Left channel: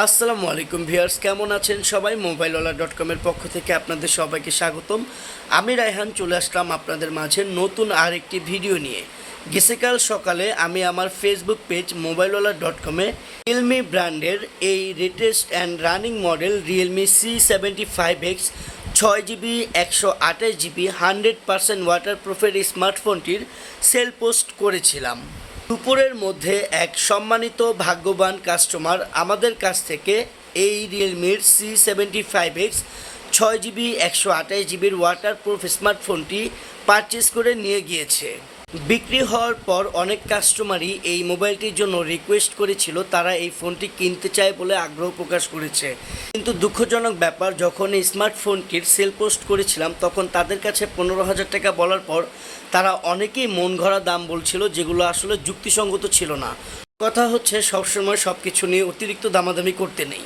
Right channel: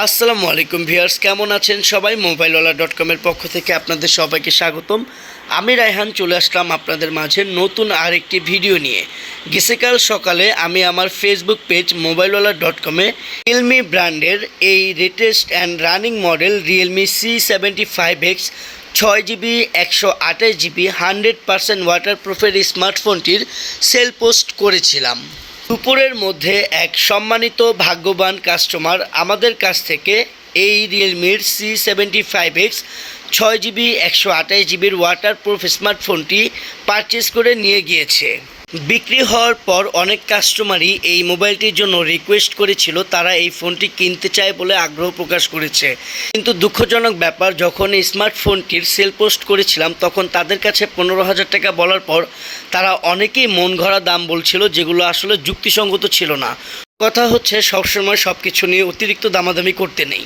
আসসালামু আলাইকুম ভিউয়ার্স, কেমন আছেন সবাই? মোবাইলওয়ালা.com-এর পক্ষ থেকে আপনাদের সবাইকে স্বাগতম। আমি রায়হান চলে আসলাম আপনাদের মাঝে নতুন আরেকটি ভিডিও নিয়ে। গতকাল সকালে আমি আমার ফেসবুক পেজ মোবাইলওয়ালা.com-এ রিয়েলমি ব্র্যান্ডের এই latest and running model Realme C75X 6GB 128GB 100% ওয়াটারপ্রুফের স্মার্টফোনটির সেল পোস্ট করেছিলাম। দুপুরের মধ্যে এক সম্মানিত ভাগ্যবান কাস্টমার আমাদের কাছ থেকে এই রিয়েলমির C75X 6GB 128GBর ওয়াটারপ্রুফ স্মার্টফোনটি পারচেস করে নিয়ে গিয়েছে। বিক্রি হওয়ার পর অনেক কাস্টমারই এই মোবাইলটির জন্য রিকোয়েস্ট করেছিল, তারা এই ফোনটি কিনতে চায় বলে আগ্রহ প্রকাশ করেছে। কিন্তু দুঃখজনক ব্যাপার, যখন এই স্মার্টফোনটির সেল পোস্ট করেছিলাম তখন তাদের কাছে 15,000 টাকা বলার পর তারা অনেকেই মন গড়া দাম বলছিল, যেগুলো আসলে যুক্তিসঙ্গত ছিল না। কথা হচ্ছে, সবসময় সব কিছু নিয়ে অতিরিক্ত দামাদামি করতে নেই।